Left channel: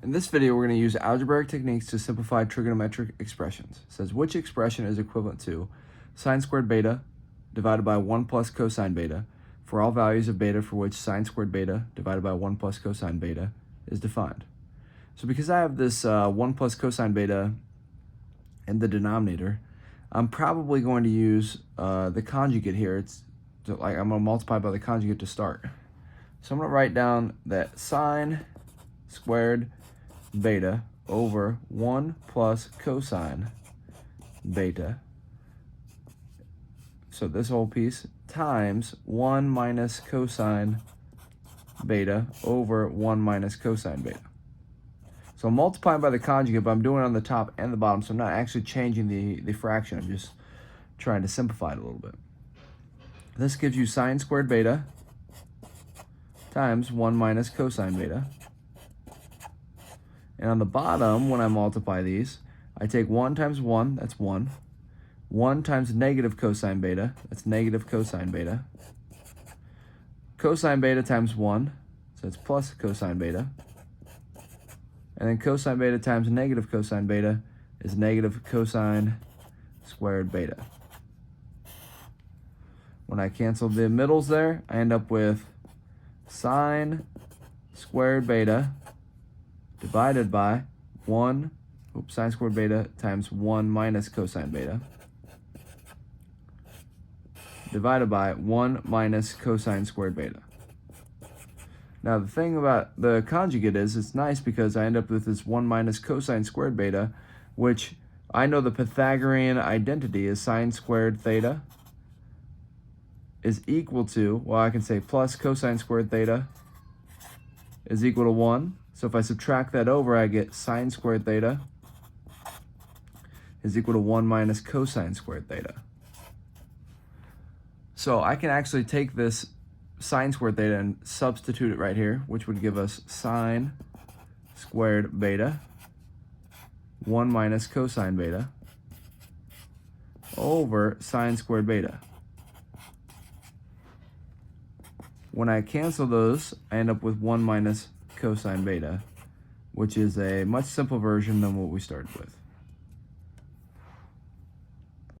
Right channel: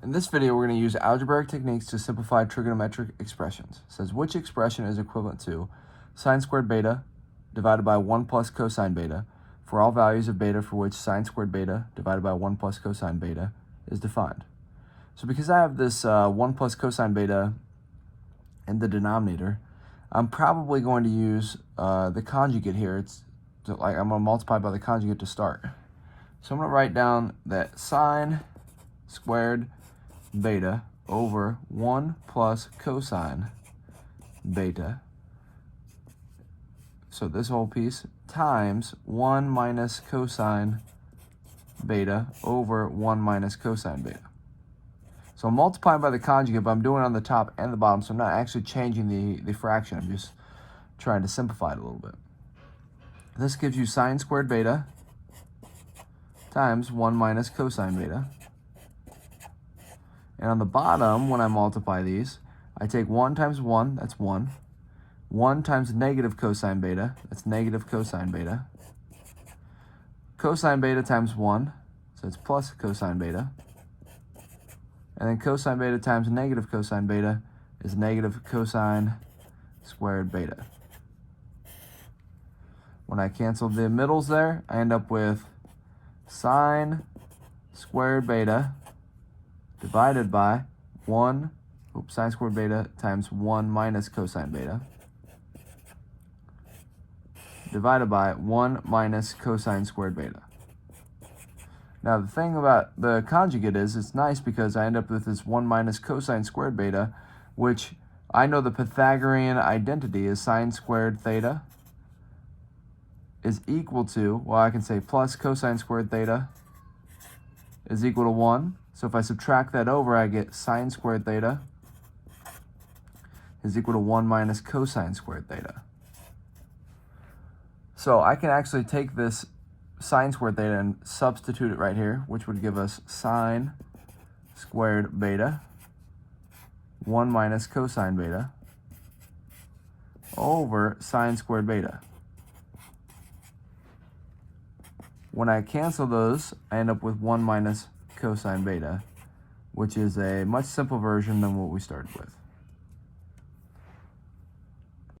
In this video, we're going to use algebraic techniques to simplify trigonometric expressions. It says which expression is equivalent to sine squared beta divided by 1 plus cosine beta for all values of beta for which sine squared beta divided by 1 plus cosine beta is defined. So because I have this 1 plus cosine beta in the denominator, I'm probably going to use the conjugate here. I'm going to multiply by the conjugate to start. So I'm going to write down that sine squared beta over 1 plus cosine beta, so this whole piece, times 1 minus cosine beta over 1 minus cosine beta. So I'm multiplying by the conjugate, but I'm doing it on the top and the bottom, so I'm not actually changing the fraction. I'm just trying to simplify it a little bit. This gives you sine squared beta times 1 minus cosine beta. And on the bottom, when I multiply these, I take 1 times 1, that's 1. 1 times negative cosine beta, that's negative cosine beta. Cosine beta times 1, so it's plus cosine beta. And then cosine beta times negative cosine beta is negative cosine squared beta. When I cancel the middles there, I end up with sine squared beta divided by sine squared beta times 1 minus cosine beta divided by 1 minus cosine squared beta. Now the thing about the conjugate is it's nice because I end up with this 1 minus cosine squared beta, which I know the Pythagorean identity is sine squared theta is equal to, well, I can say plus cosine squared theta is equal to 1. So if I subtract that over, I get sine squared theta is equal to 1 minus cosine squared theta. So I can actually take this sine squared theta and substitute it right here, which would give us sine squared beta 1 minus cosine beta over sine squared beta. When I cancel those, I end up with 1 minus cosine beta, which is a much simpler version than what we started with.